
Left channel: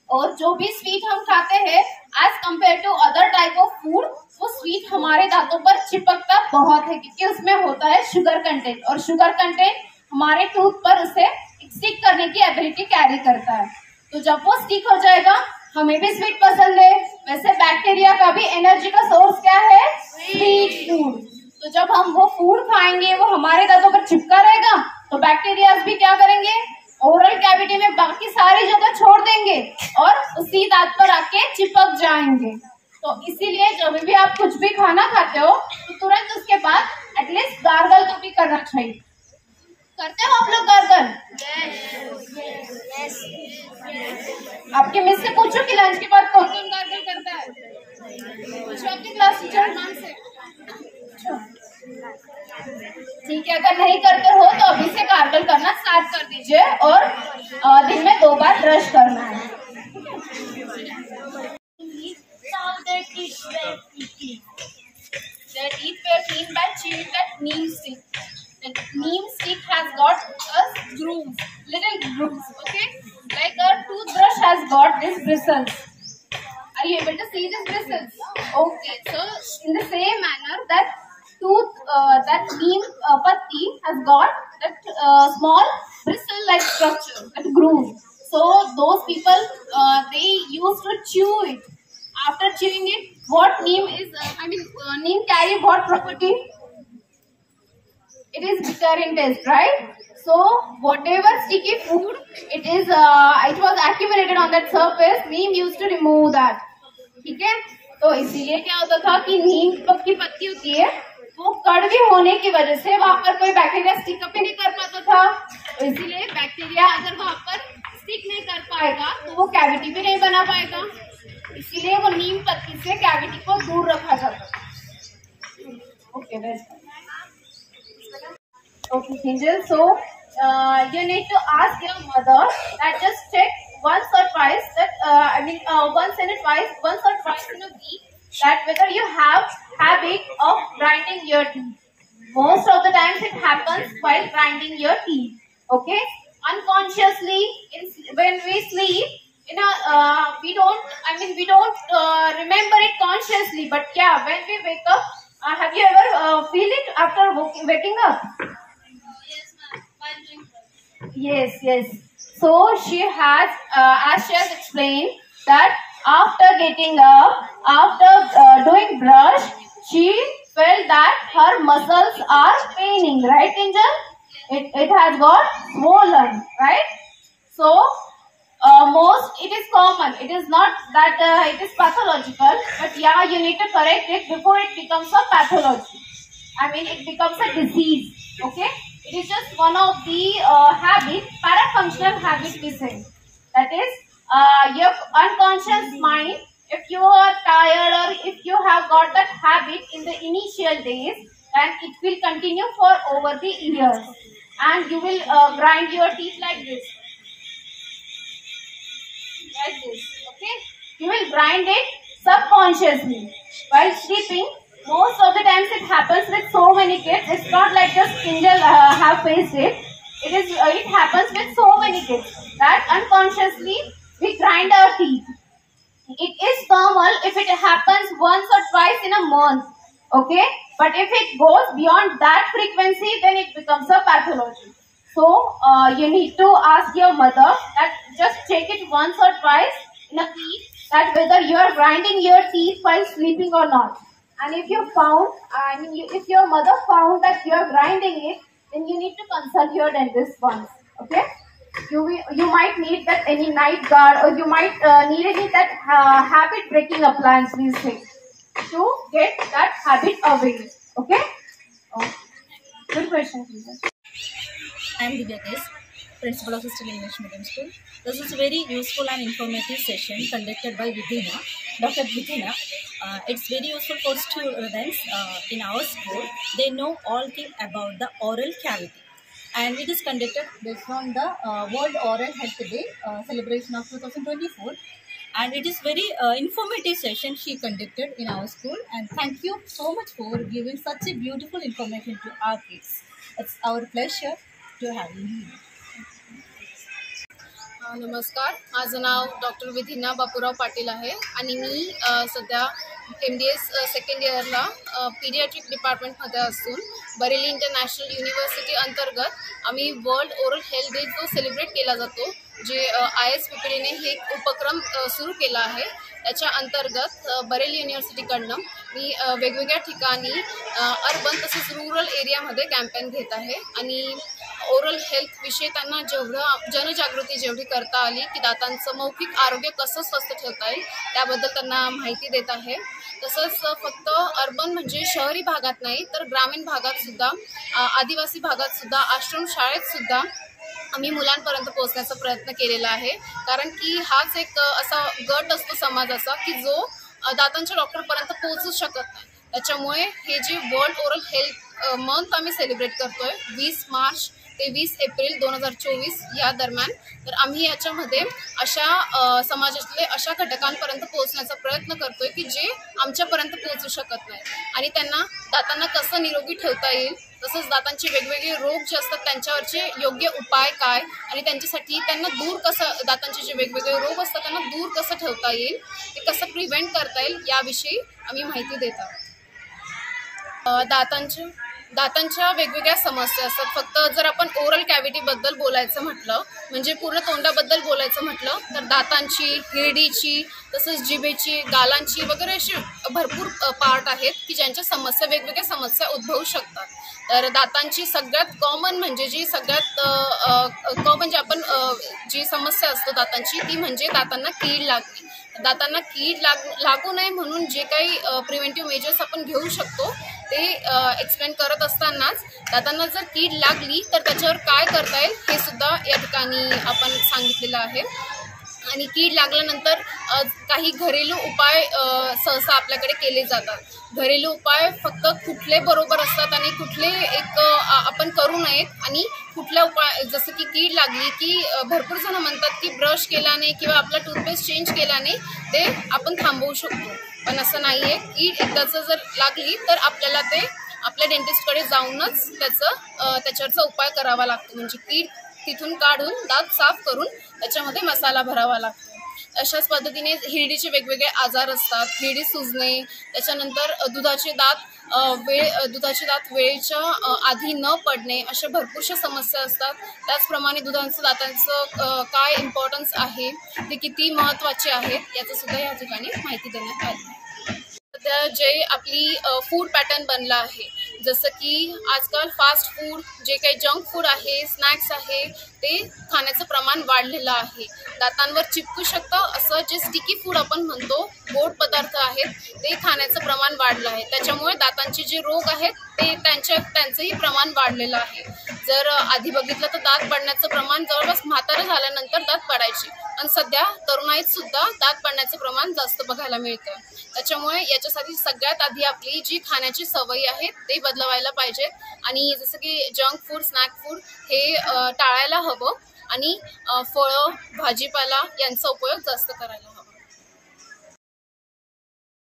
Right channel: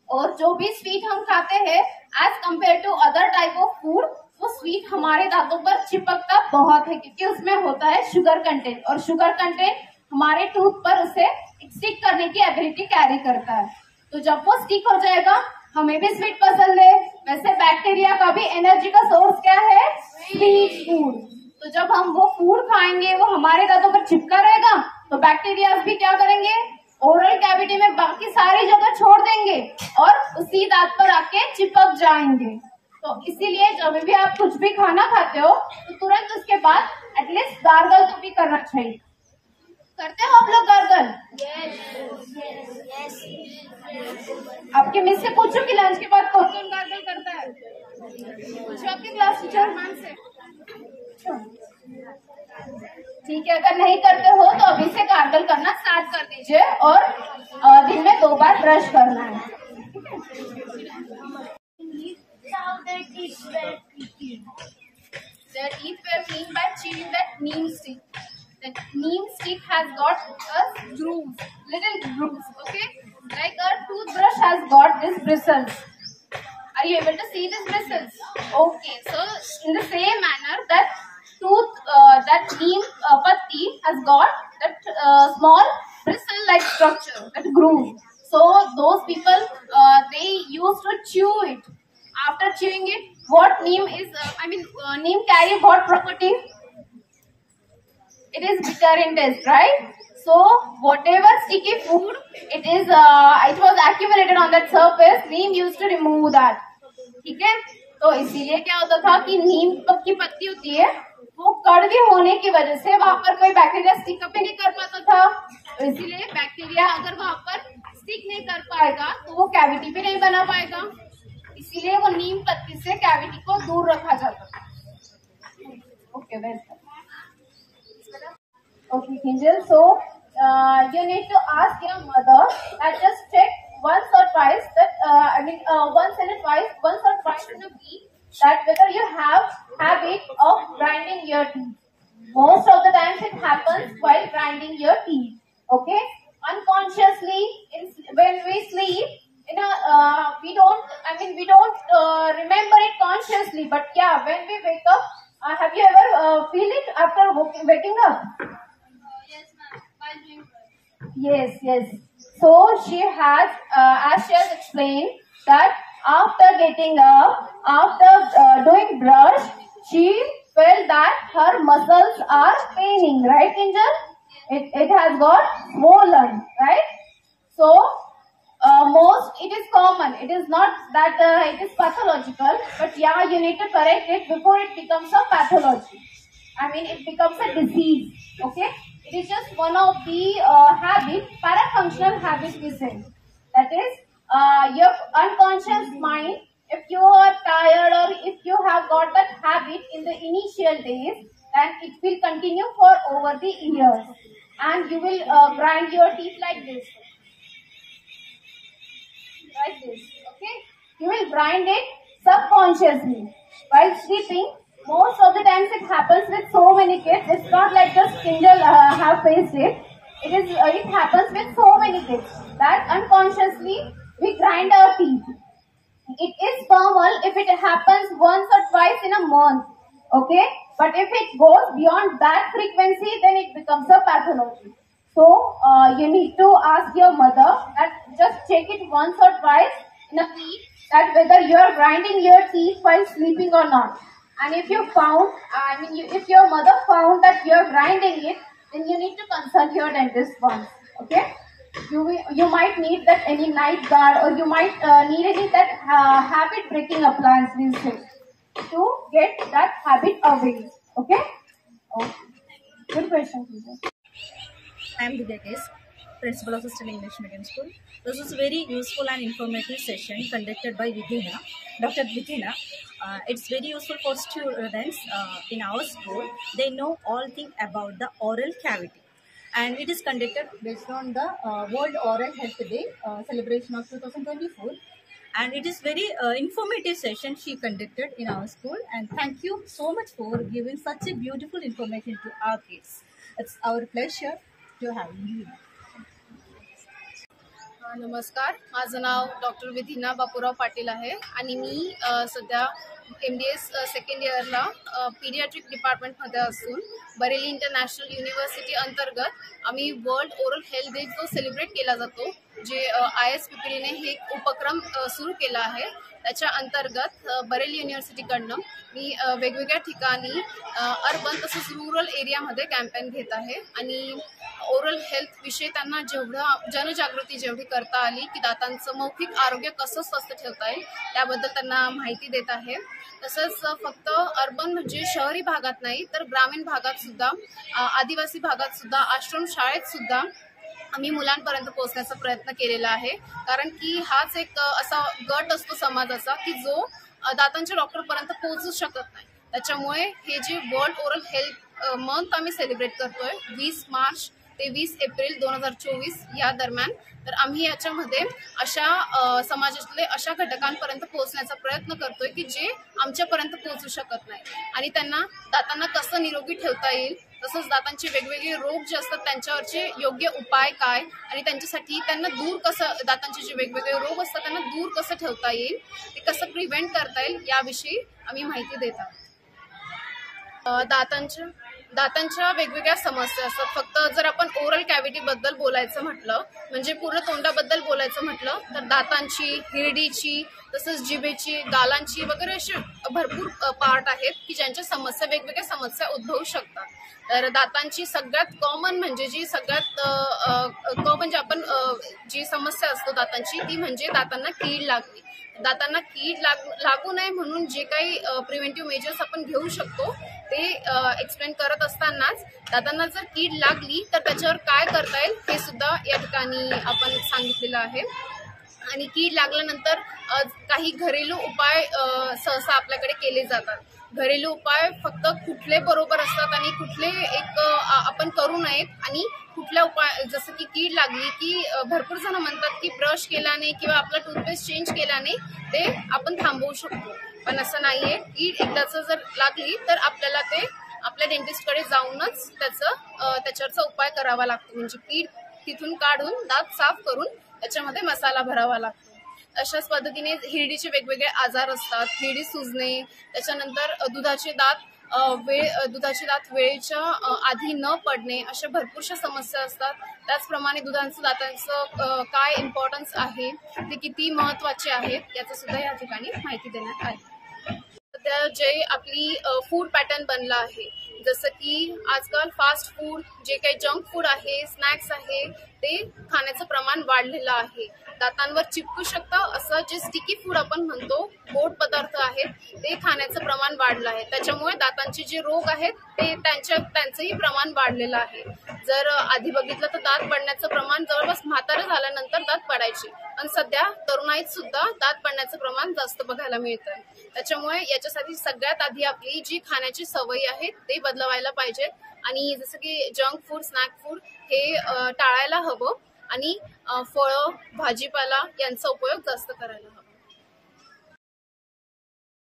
और जो भी स्वीट हम खाते हैं as compare to other type of food, वो स्वीट हमारे दांतों पर चिपकता बहुत है क्योंकि उसमें होता है शुगर कंटेंट, और शुगर कंटेंट हमारे टूथ पर उसे स्टिक करने की एबिलिटी कैरी करता है। तो जब वो स्टिक हो जाएगा, हमें भी स्वीट पसंद है, वैसे बैक्टीरिया का भी एनर्जी का सोर्स क्या है? Sweet food. तो जब हम वो फूड खाएंगे वो हमारे दांतों पर चिपका रहेगा, तो बैक्टीरिया भी क्या करेंगे? ओरल कैविटी में बाकी सारी जगह छोड़ देंगे और उसी दांत पर आके चिपक जाएंगे। तो इसीलिए जब भी आप कुछ भी खाना खाते हो तो तुरंत उसके बाद एटलीस्ट गार्गल तो भी करना चाहिए। करते हो आप लोग गार्गल? आपके मिस से पूछो कि लंच के बाद कौन कौन गार्गल करता है? पूछो आपके क्लास टीचर मान से। ठीक है, अगर नहीं करते हो तो अभी से गार्गल करना स्टार्ट कर दीजिए और दिन में 2 बार ब्रश करना है। Their teeth were clean. Their teeth were clean by chewing that neem stick. The neem stick has got a grooves, little grooves. Okay, like a toothbrush has got this bristles. Are you able to see this bristles? Okay, so in the same manner that that neem patti has got that small bristle-like structure, that groove. So those people they used to chew it. After chewing it, what neem is? Neem carry what property? It is bitter in taste, right? So whatever sticky food it is, it was accumulated on that surface. Neem used to remove that. ठीक है, तो इसीलिए क्या होता था कि नीम की पत्ती होती है, वो कड़वी होने की वजह से वहां पर कोई बैक्टीरिया स्टिक अप नहीं कर पाता था। तो इसीलिए बैक्टीरिया अगर वहां पर स्टिक नहीं कर पाएगा तो वो कैविटी भी नहीं बना पाएगा, इसीलिए वो नीम पत्ती से कैविटी को दूर रखा जाता है। Okay, okay Angel, so you need to ask your mother that just check once or twice that once or twice in a week that whether you have habit of grinding your teeth. Most of the times it happens while grinding your teeth. Okay, unconsciously when we sleep we don't remember it consciously, but yeah, when we wake up, have you ever feel it after waking up? Yes, ma'am. While doing brush. Yes. So she has, as she has explained, that after getting up, after doing brush, she felt that her muscles are paining, right, Angel? It has got swollen, right? So it is common. It is not that it is pathological, but yeah, you need to correct it before it becomes a pathology. It becomes a disease. Okay, it is just one of the parafunctional habit we say. That is, your unconscious mind. If you are tired or if you have got that habit in the initial days, then it will continue for over the years, and you will grind your teeth like this. Okay, you will grind it subconsciously while sleeping. Most of the times it happens with so many kids. It's not like just Angel have faced it. It happens with so many kids that unconsciously we grind our teeth. It is normal if it happens once or twice in a month. Okay, but if it goes beyond that frequency, then it becomes a pathology. So you need to ask your mother that just check it once or twice in a week, that whether you are grinding your teeth while sleeping or not. And if you found, if your mother found that you are grinding it, then you need to consult your dentist once. Okay, you might need that any night guard, or you might need any that habit breaking appliance, these things, to get that habit away. Okay. Oh. Good question, teacher. I am Divya Case, Principal of Still English Medium School. This is a very useful and informative session conducted by Vidhina, Dr. Vidhina. It's very useful for students in our school. They know all things about the oral cavity. And it is conducted based on the World Oral Health Day celebration of 2024. And it is very informative session she conducted in our school. And thank you so much for giving such a beautiful information to our kids. It's our pleasure to have you. नमस्कार, माझं नाव doctor विधिना बापूराव पाटील आहे आणि मी सध्या MDS second इयरला paediatric डिपार्टमेंटमध्ये असून Bareilly international university अंतर्गत आम्ही वर्ल्ड ओरल हेल्थ डे जो सेलिब्रेट केला जातो, जे ISPPDने हे उपक्रम सुरू केला आहे, त्याच्या अंतर्गत बरेली युनिव्हर्सिटीकडनं मी वेगवेगळ्या ठिकाणी अर्बन तसेच रूरल एरियामध्ये कॅम्पेन घेत आहे आणि ओरल हेल्थ विषयी त्यांना जनजागृती जेवढी करता आली की दातांचं मौखिक आरोग्य कसं स्वस्थ ठेवता येईल त्याबद्दल त्यांना माहिती देत आहे. तसंच फक्त अर्बन म्हणजे शहरी भागात नाही तर ग्रामीण भागात सुद्धा, आदिवासी भागात सुद्धा, आश्रम शाळेत सुद्धा आम्ही मुलांपर्यंत पोहोचण्याचा प्रयत्न केलेला आहे. कारण की हाच एक असा गट असतो समाजाचा की जो दातांच्या डॉक्टरपर्यंत पोहोचू शकत नाही. त्याच्यामुळे हे जे वर्ल्ड ओरल हेल्थ मंथ आम्ही सेलिब्रेट करतोय 20 मार्च ते 20 एप्रिल 2024 या दरम्यान, तर आम्ही याच्यामध्ये अशा समाजातले अशा घटकांपर्यंत पोहोचण्याचा प्रयत्न करतोय की जे आमच्यापर्यंत पोहोचू शकत नाही आणि त्यांना दातांना कसं निरोगी ठेवता येईल, तसंच दातांचे वेगवेगळे रोग जे असतात त्यांच्यावरचे योग्य उपाय काय आणि त्यांच्यासाठी त्यांना दूर कसं, दातांचे जे वेगवेगळे रोग असतात त्यांना दूर कसं ठेवता येईल, ते कसं प्रिव्हेंट करता येईल याविषयी आम्ही माहिती देत आहोत. दातांच्या वेगवेगळ्या समस्या असतात. फक्त जर आपण ओरल कॅव्हिटीबद्दल बोलायचं म्हटलं, म्हणजे पूर्ण तोंडाबद्दल बोलायचं म्हटलं तर दातांची, हिरडीची, तसंच जिभेची, गालांची वगैरे असे भरपूर पार्ट आहेत की ज्यांच्या समस्या, वेगवेगळ्या समस्या उद्भवू शकतात. तर दातांची सगळ्यात कॉमन म्हणजे जी आपण जी समस्या असतो दातांची ती म्हणजे दातांना कीड लागणे. दातांना कीड लागू नये म्हणून जे काही प्रिव्हेंटिव्ह मेजर्स आपण घेऊ शकतो ते एक्सप्लेन करत असतानाच दातांना जर कीड लागली तर त्याच्यावर काय करता येईल हे सुद्धा या ठिकाणी आपण सांगितलेलं आहे. आणि कीड लागल्यानंतर काही घरेलू उपाय सहसा आपल्याकडे केले जातात. घरेलू उपाय फक्त कुठले बरोबर असतात आणि कुठले आपण करू नयेत, आणि कुठल्या उपाय, जसं की कीड लागली की भरपूर जण म्हणतात की ब्रश केल्याने किंवा आपला टूथपेस्ट चेंज केल्याने ते आपण थांबवू शकतो, पण असं नाहीये. कीड एकदाच जर लागली तर आपल्याला ते आपल्या डेंटिस्टकडे जाऊनच त्याच्यावरचा उपाय करावा लागतो. म्हणजे कीड तिथून काढून दात साफ करून त्याच्यामध्ये मसाला भरावा लागतो. अशाच पद्धतीने हिरडीचे वेगवेगळे आजार असतात, हिरडी सुजणे, त्याच्यानंतर दुधाचे दात वेळेच्या आधी न पडणे, अशा भरपूरशा समस्या असतात. त्याचप्रमाणे दातांचं काय इम्पॉर्टन्स आहे, ते किती महत्त्वाचे आहेत याचं सुद्धा या ठिकाणी माहिती देण्यात आली. सध्या जे आपली फूड पॅटर्न बनला आहे, जसं की आजकाल फास्ट फूड, जे काही जंक फूड आहे, स्नॅक्स आहे, ते खाण्याचं प्रमाण वाढलेलं आहे. दातांवर चिपकू शकतं असं जे स्टिकी फूड आपण म्हणतो, गोड पदार्थ आहेत, ते खाण्याचं प्रमाण वाढलं आहे. त्याच्यामुळे दातांचे जे रोग आहेत ते त्यांचंही प्रमाण वाढलेलं आहे. जर आधी बघितलं तर दात पडण्याचं प्रमाण जवळपास म्हातारं झाल्यानंतर दात पडायचे, पण सध्या तरुणाईत सुद्धा दात पडण्याचं प्रमाण जास्त बघायला मिळतं. त्याच्यामुळे याच्यासाठी सगळ्यात आधी आपली जी खाण्याची सवयी आहेत ते बदलवायला पाहिजेत, आणि जसं की जंक फूड, स्नॅक फूड हे टाळायला हवं, आणि फळं, भाजीपाला यांचा उपयोग जास्त करायला हवा.